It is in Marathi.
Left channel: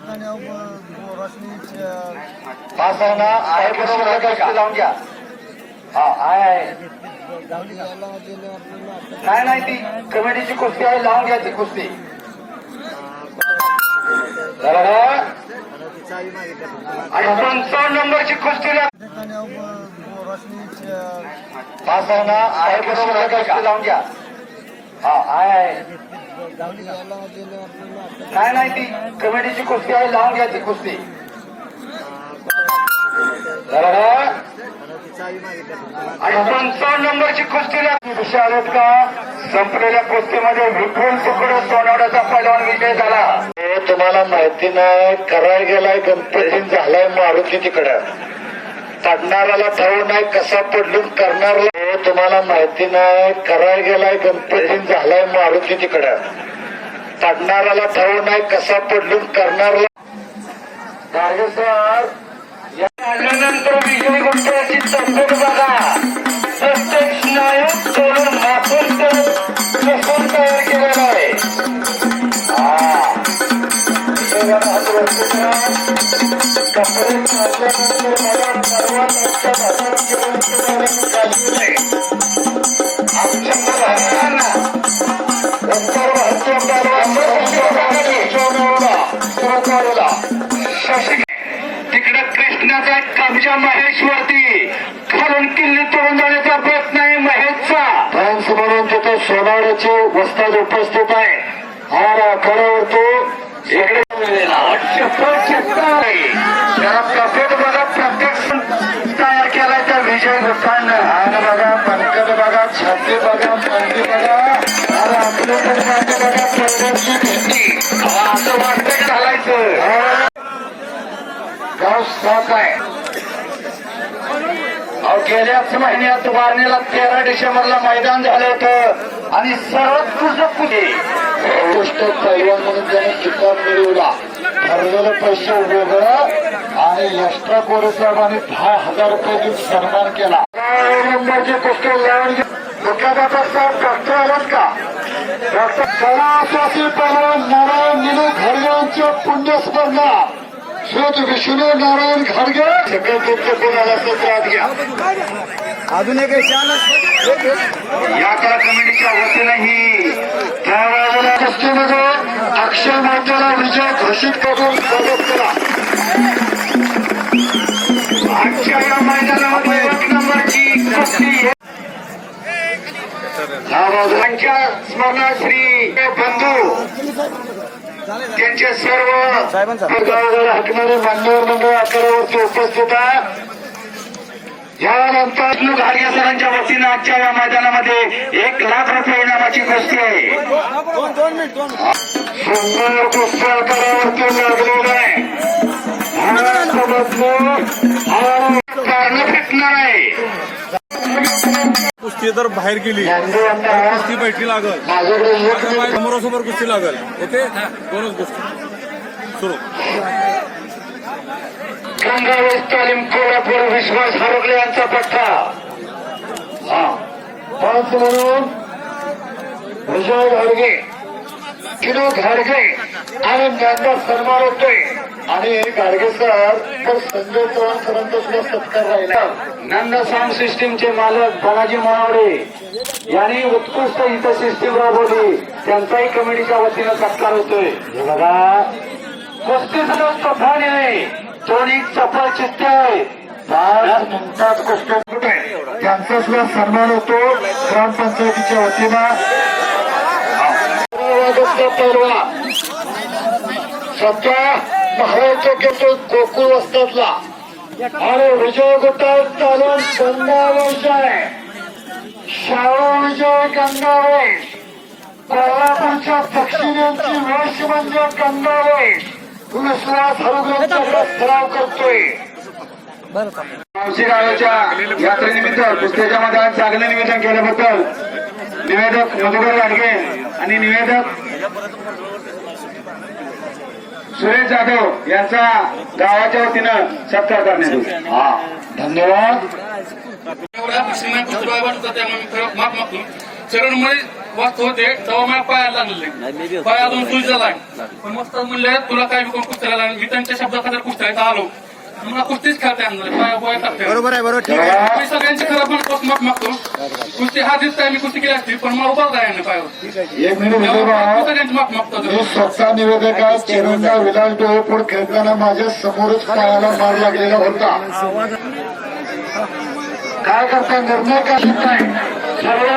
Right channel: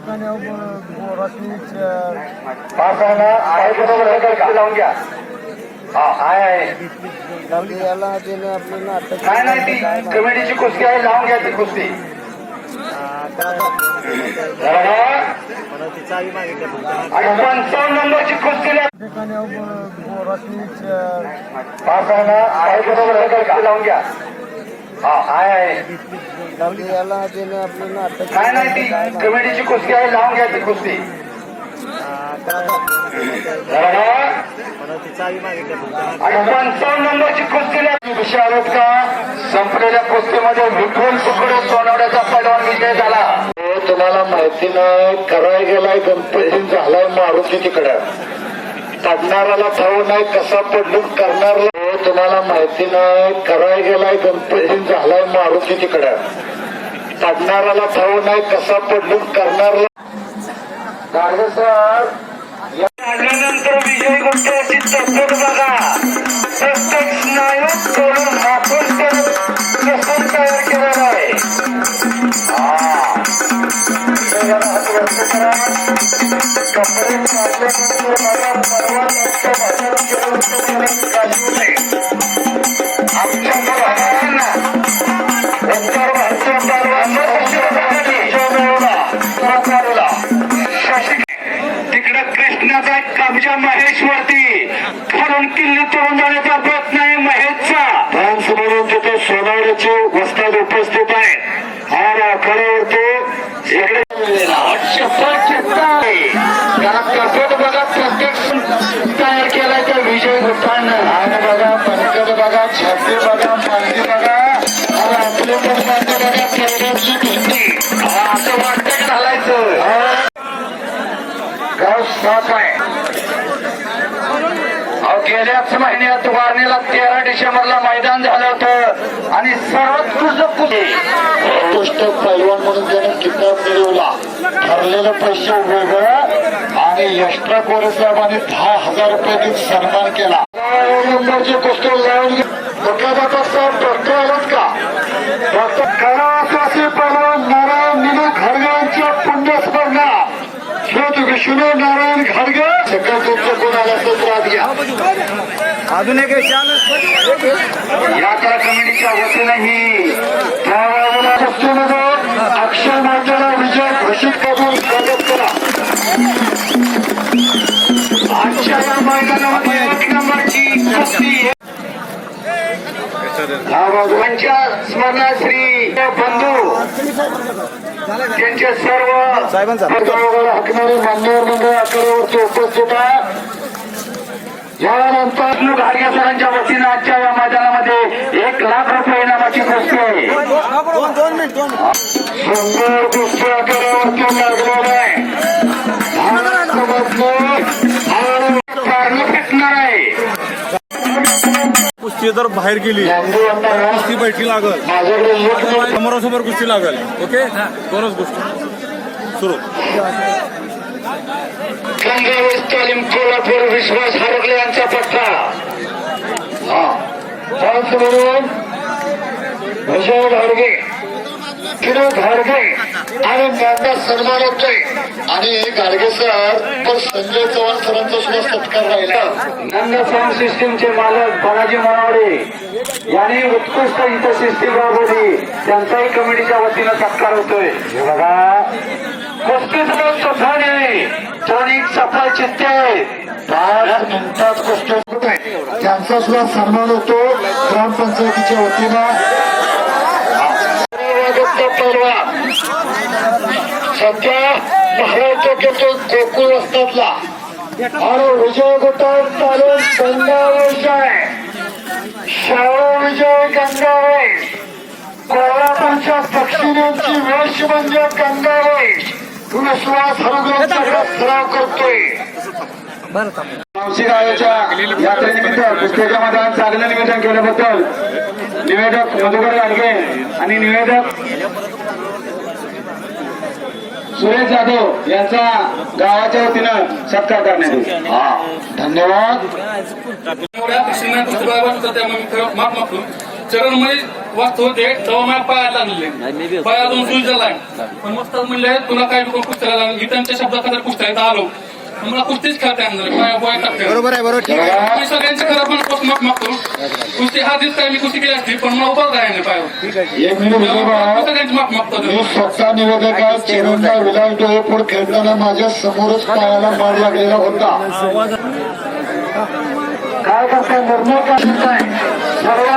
ठिकाणी अहो, ब- आहे ना बरोबर लावून घ्या हा आहे आहे याला नाही नाही ती कमिटीची कुस्ती आहे लावून घ्या ती कुस्ती आणि पंचावन्न नंबरची कुस्ती ला- ठिकाणी अहो, आहे बरोबर लावून घ्या. हा आहे नाही नाही ती कमिटीची कुस्ती आहे लावून घ्या ती कुस्ती. बरोबर? आणि पंचावन्न नंबरची कुस्ती लागली विषय का संपलेल्या कुस्तीमध्ये विपुल तुकडे सोनवड्याचा पैलवान विजय झाला. हे तुम्हाला माहिती नाही करायला गेलाय गणपती झालाय मारुती तिकडे. पडणाऱ्याला ठाऊ नाही कसा पडलून करणाऱ्याला हे तुम्हाला माहिती नाही करायला गेलाय गणपती झालाय मारुती तिकडे. पडणाऱ्याला ठाऊ नाही कसा पडलून करणाऱ्याला गाडगे सर विजय तब्येत बघा. प्रत्येक स्नायू तोडून कसून तयार केलेला आहे. कपडे काढल्यानंतर मला परवा नसतो बाहेर घेऊन तिकडे कृष्णाचा एक कब्जा महेशवरती. खालून किल्ली तोडून जाण्याचा प्रयत्न आहे महेशचा. डान्स म्हणून तिथे सोनाड्याचे वस्ताद उपस्थित आहे हा आखाड्यावरती इकडे आहे. त्याला कॅसेट बघा प्रत्येक तयार केलाय तर विजय गुप्तानं हान बघा पंकज बघा छापे बघा पालखी बघा. आणि पण बघा प्रदर्शित पाऊस पडत आहे अहो गेल्याच महिन्यात वारणीला तेरा डिसेंबरला मैदान झालं होतं. आणि सर्वोत्कृष्ट म्हणजे उत्कृष्ट पैलवान म्हणून त्याने किताब मिळवला. ठरलेले पैसे वेगळं आणि एक्स्ट्रा कोरे साहेबांनी दहा हजार रुपये देऊन सन्मान केला. नंबरची लावून साहेब डॉक्टर आहेत का डॉक्टर कलावासी पैलवान नारायण निनू घरगेंच्या पुण्यस्पर्धा श्रोत विष्णू नारायण घाडगे सगळं तुमचं कोणाला त्रास घ्या या कला कमिटीच्या वतीनं ही त्या बाजूला कुस्तीमध्ये अक्षय मातेला विजय घोषित करून स्वागत करा. आजच्या या मैदानामध्ये एक नंबरची कुस्ती या बाजूच्या स्मरणात श्री बंधू. त्यांचे सर्व हाकणारे मान्यवर मंडळ आखाड्यावरती उपस्थित आहे. यानंतर घाडगे सरांच्या वतीनं आजच्या या मैदानामध्ये एक लाख रुपये इनामाची गोष्टी आहे. आकारावरती लागलेला आहे. कुस्ती जर बाहेर गेली यांना कुस्ती बैठी लागल. समोरासमोर कुस्ती लागल. ओके? दोनच गोष्टी. सुरू. कोल्हापूर विश्वास हरगले यांचा पट्टा हा. म्हणून. विजय घाडगे किरो घाडगे आणि त्यांचा सन्मान होतोय. आणि घाडगे सर तर संजय चव्हाण सरांचा सुद्धा सत्कार राहिला. नंद साऊंड सिस्टीमचे मालक बालाजी मनावडे यांनी उत्कृष्ट इथं सिस्टीम राबवली. त्यांचाही कमिटीच्या वतीनं सत्कार होतोय. बघा. कुस्तीत लोक दोन्ही चित्ते त्यांचा सुद्धा सन्मान होतो. ग्रामपंचायतीच्या वतीनं. सध्या महाराष्ट्र घेतो गोकुळ असतातला. आणि विजय गोपाळ चालून गंगावेश आहे. शाळा विजय गंगावेश. कोल्हापूरच्या पक्षिणींची वेश म्हणजे गंगावेश. विश्वास हरगुरांचा सराव करतोय. मावशी गावाच्या यात्रेनिमित्त कुस्त्याच्या मैदानात चांगलं निवेदन केल्याबद्दल निवेदक मधुकर लाडके आणि निवेदक सुरेश जाधव यांचा गावाच्या वतीनं सत्कार करण्यात येईल. धन्यवाद. एवढ्या सीमा पुस्तकावर होता त्यामुळे माफ मागतो चरणमध्ये वाचत होते तेव्हा माझ्या पायाला लागले अजून सुई झाला पण मस्त म्हणले तुला काय बी कुस्ती लागला मी त्यांच्या शब्दात खाली आलो. मला कुस्तीच खेळता येणार टाकते बरोबर आहे बरोबर ठीक आहे. मी सगळ्यांची खरं पण माफ मागतो कुस्ती हा दिसताय मी कुस्ती केली असती पण मला उभा राहायला नाही पायावर ठीक आहे हे मी त्यामुळे विनोबा मी सगळ्यांची माफ मागतो मी स्वतः निवेदक आहे डोळेपूर खेळताना माझ्या समोरच पायाला मार लागलेला होता. काय करता निर्णय काय? घेताय? सर्व